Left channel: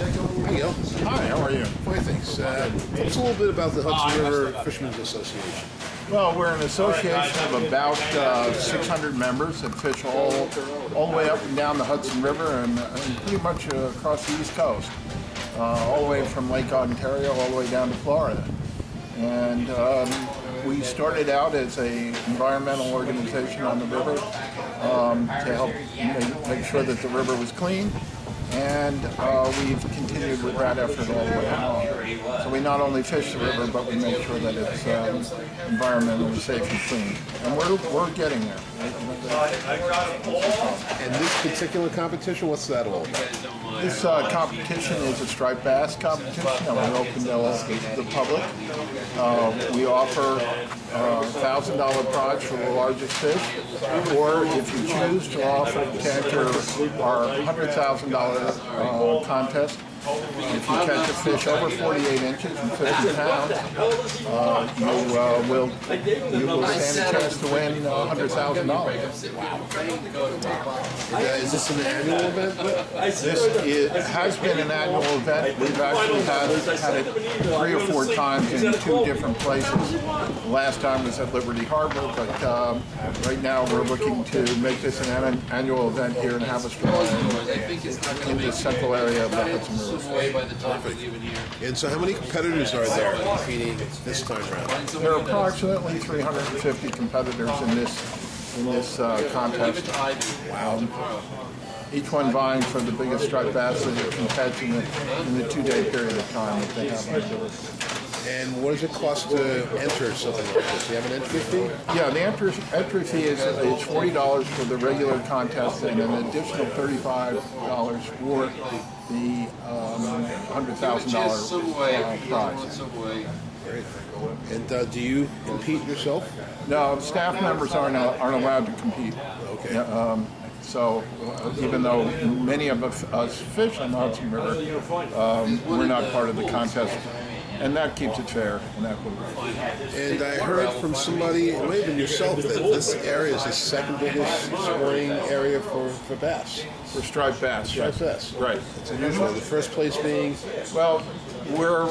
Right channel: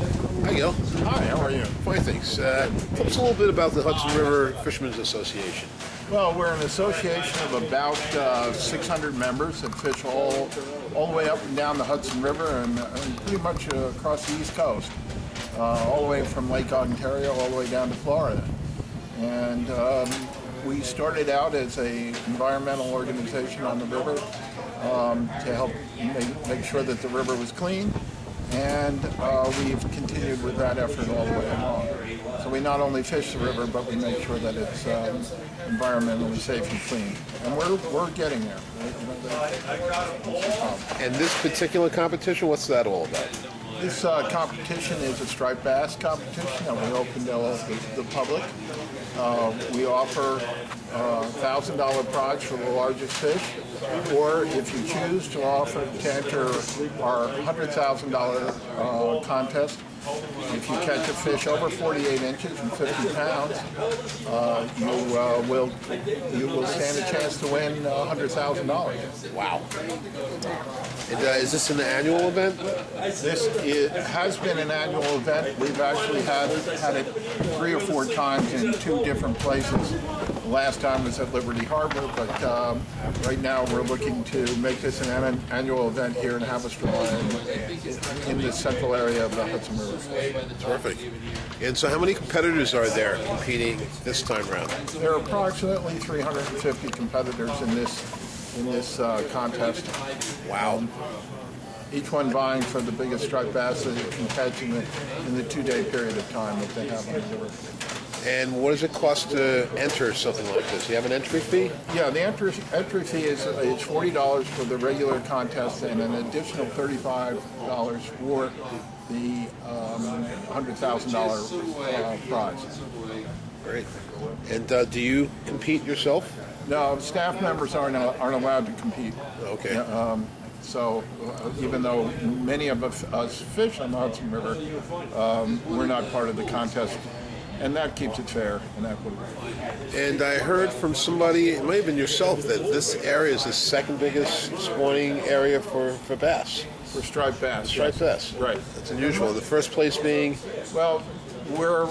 Hi, Gil. Hi, how are you? Fine, thanks. Tell us a little bit about the Hudson River Fishermen's Association. Well, we're an association of about 600 members that fish all the way up and down the Hudson River and pretty much across the East Coast, all the way from Lake Ontario all the way down to Florida. And we started out as an environmental organization on the river to help make sure that the river was clean. And we've continued with that effort all the way along. So we not only fish the river, but we make sure that it's environmentally safe and clean. And we're getting there. And this particular competition, what's that all about? This competition is a striped bass competition that we open to the public. We offer $1,000 prize for the largest fish, or if you choose to offer to enter our $100,000 contest. If you catch a fish over 48 inches and 50 pounds, you will stand a chance to win $100,000. Wow. Is this an annual event? It has been an annual event. We've actually had it 3 or 4 times in 2 different places. Last time was at Liberty Harbor, but right now we're looking to make this an annual event here in Haverstraw in the central area of the Hudson River. Perfect. And so how many competitors are there competing this time around? There are approximately 350 competitors in this contest. Wow. Each one vying for the biggest striped bass that it can catch in the 2-day period of time that they have on the river. And what does it cost to enter something like this? Do you have an entry fee? Yeah, the entry fee is $40 for the regular contest and an additional $35 for the $100,000 prize. Great. And do you compete yourself? No, staff members aren't allowed to compete. Okay. So even though many of us fish on the Hudson River, we're not part of the contest. And that keeps it fair and equitable. And I heard from somebody, it may have been yourself, that this area is the second biggest spawning area for bass. For striped bass. Striped bass. Right. It's unusual. The first place being? Well, we're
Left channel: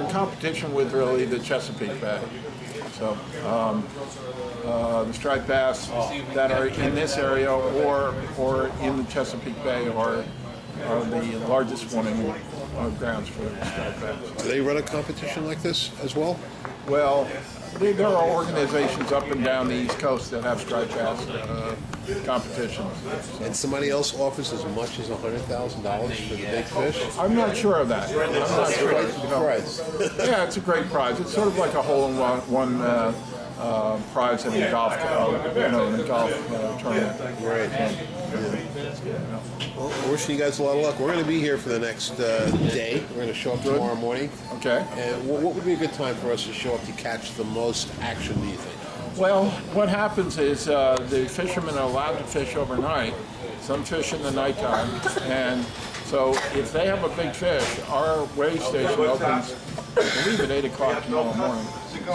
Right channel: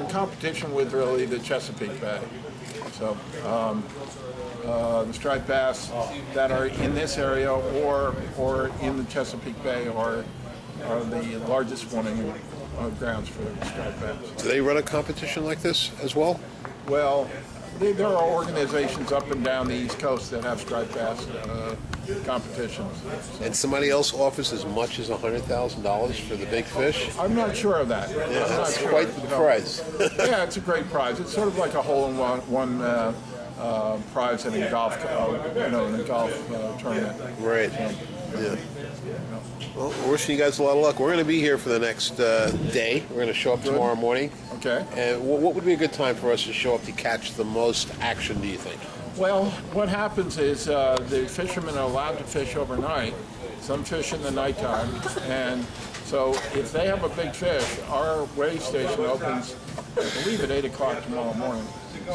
in competition with really the Chesapeake Bay. So the striped bass that are in this area or in the Chesapeake Bay are the largest spawning grounds for striped bass. Do they run a competition like this as well? Well, there are organizations up and down the East Coast that have striped bass competitions. And somebody else offers as much as $100,000 for the big fish? I'm not sure of that. I'm not sure. Quite the prize. Yeah, it's a great prize. It's sort of like a hole-in-one prize in a golf, in a golf tournament. Right. Well, we're wishing you guys a lot of luck. We're going to be here for the next day. We're going to show up tomorrow morning. Okay. And what would be a good time for us to show up to catch the most action, do you think? Well, what happens is the fishermen are allowed to fish overnight. Some fish in the nighttime. And so if they have a big fish, our weigh station opens, I believe, at 8 o'clock tomorrow morning.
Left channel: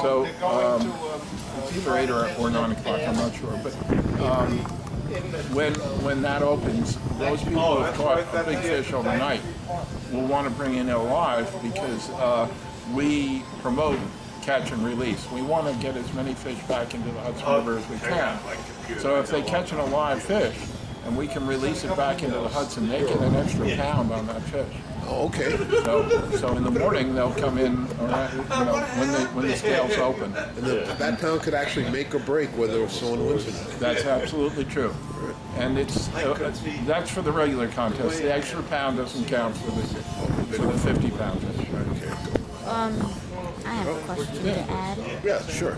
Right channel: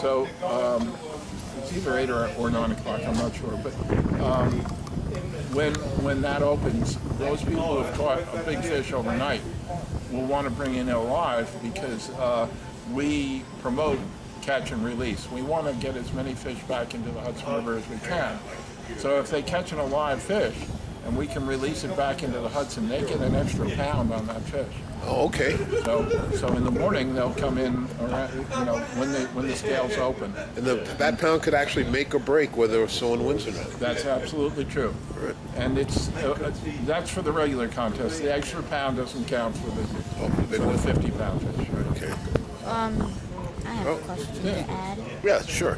So it's either 8 or 9 o'clock, I'm not sure. But when that opens, those people who have caught a big fish overnight will want to bring in it alive because we promote catch and release. We want to get as many fish back into the Hudson River as we can. So if they catch an alive fish and we can release it back into the Hudson, they get an extra pound on that fish. Oh, okay. So in the morning they'll come in, when the scales open. And that pound could actually make or break whether someone wins or not. That's absolutely true. Right. And that's for the regular contest. The extra pound doesn't count for the 50-pound fish. Okay. I have a question to add. Yeah, sure.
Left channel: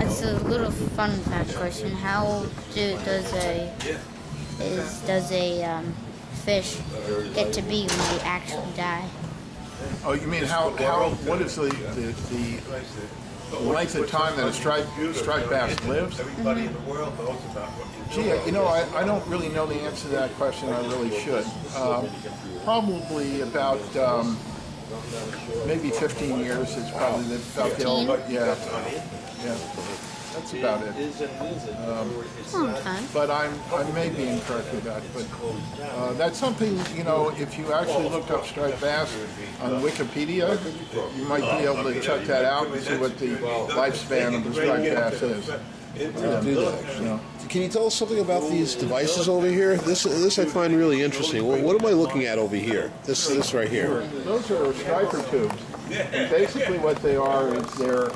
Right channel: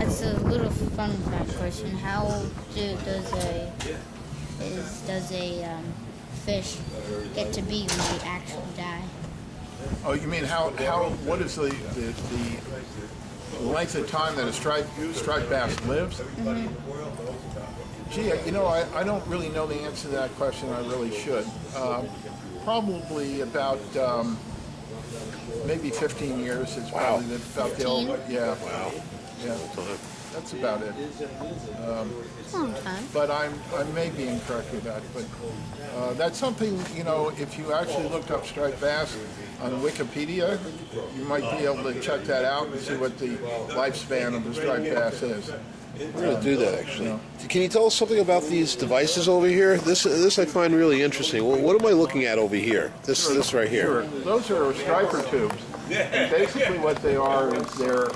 It's a little fun fact question. How does a fish get to be when they actually die? Oh, you mean what is the length of time that a striped bass lives? Mm-hmm. Gee, I don't really know the answer to that question. I really should. Probably about maybe 15 years is probably about the old. Yeah. That's about it. Long time. But I may be incorrect with that. But that's something, you know, if you actually looked up striped bass on Wikipedia, you might be able to check that out and see what the lifespan of the striped bass is. I'm going to do that, actually. Can you tell us something about these devices over here? This I find really interesting. Well, what am I looking at over here? This right here. Those are striper tubes. And basically what they are is they're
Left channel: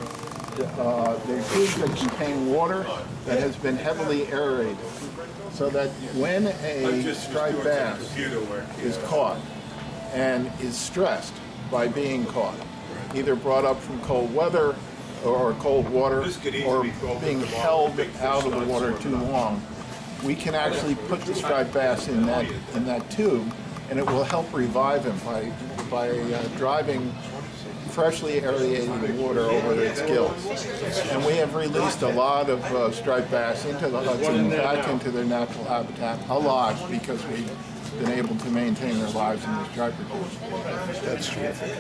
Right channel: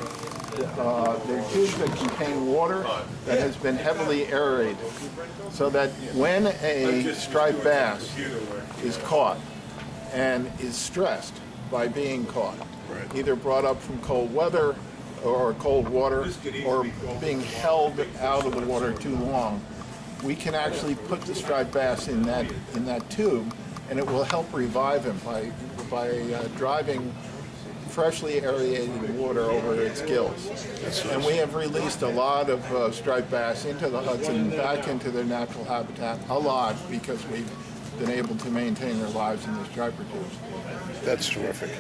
tubes that contain water that has been heavily aerated, so that when a striped bass is caught and is stressed by being caught, either brought up from cold weather or cold water, or being held out of the water too long, we can actually put the striped bass in that tube, and it will help revive him by driving freshly aerated water over its gills. And we have released a lot of striped bass into the Hudson, back into their natural habitat, a lot, because we've been able to maintain their lives in the striper tubes. That's terrific.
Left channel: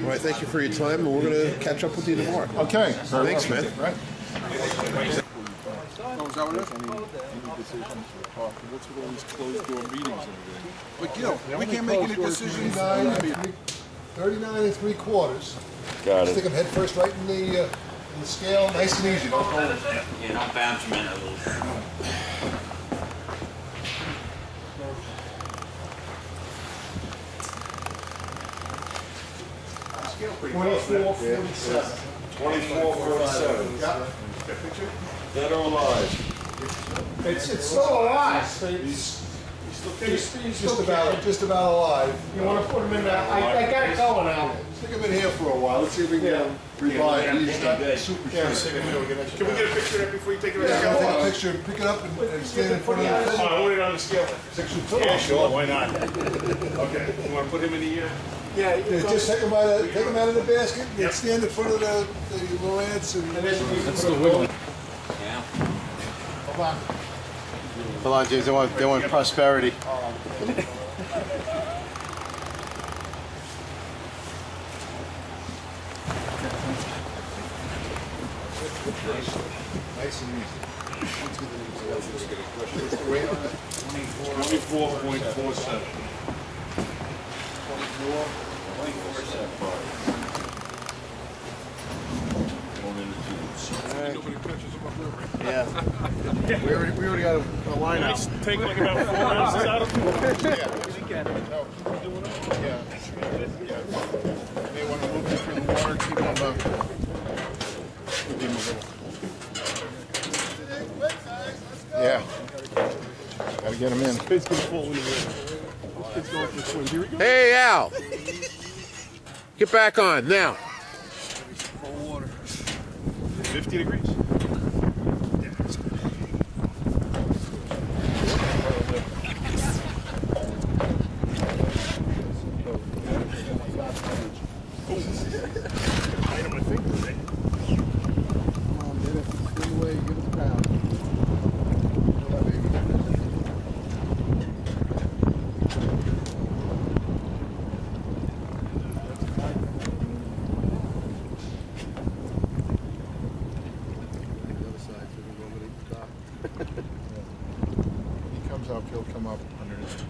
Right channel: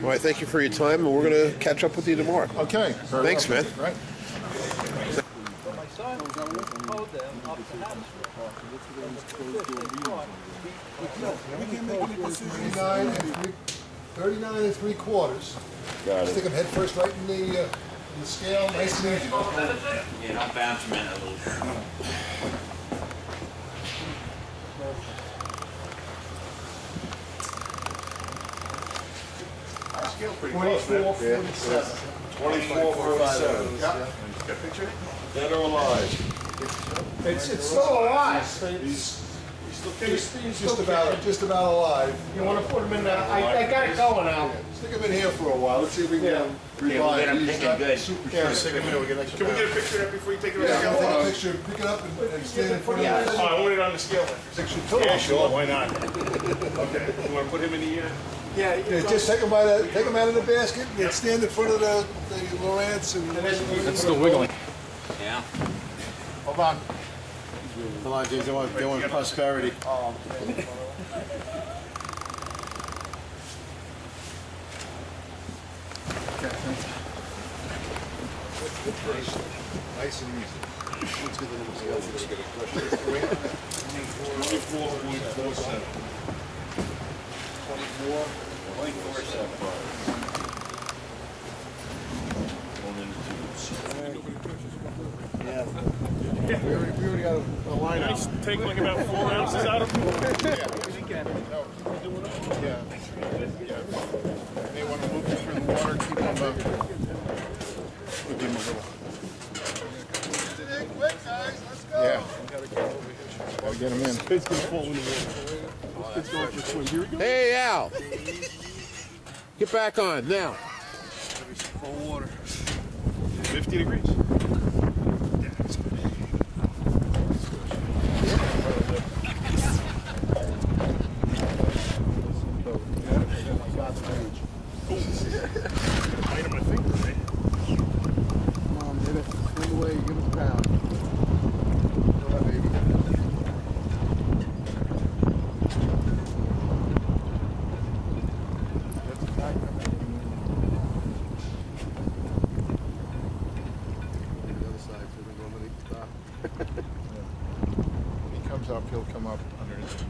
Well, I thank you for your time, and we're going to catch up with you tomorrow. Okay. Thanks, man. Right. But you know, we can't make any decisions. 39 3/4. Got Stick them head first right in the scale, nice and easy. Don't hold it. Yeah, don't bounce them in a little. 24.47. 24.47. Yeah. Dead or alive? It's still alive. He's just about alive. You want to put them in there? I got it going now. Stick him in here for a while. Let's see if we can revive. I'm He's thinking not good. super Yeah, strong. Can we get a picture of that before you take it? Yeah, take a picture, pick it up, and stand in front of the Oh, I want it on the scale. Yeah, Sure, why not? Okay, you want to put him in the ear? Yeah, just take them out of the basket, and stand in front of the Lowrance and. It's still wiggling. Yeah. Hold on. Hold on, James. They want prosperity. Nice and easy. 24.47. Yeah. We already got a line out. Take like about 4 ounces out of him. Yeah. May want to move them through the water, keep them give them a little. Yeah. Gotta get them in. It's going to fall in the water. It's going for a swim. Here we go. Hey, Al. Get back on now. 50 degrees. Bite on my finger, right? Come on, baby. Swim away, give us a pound. Feel that baby. That's a tight on the other side, so we're going underneath the top. He comes up, he'll come up underneath.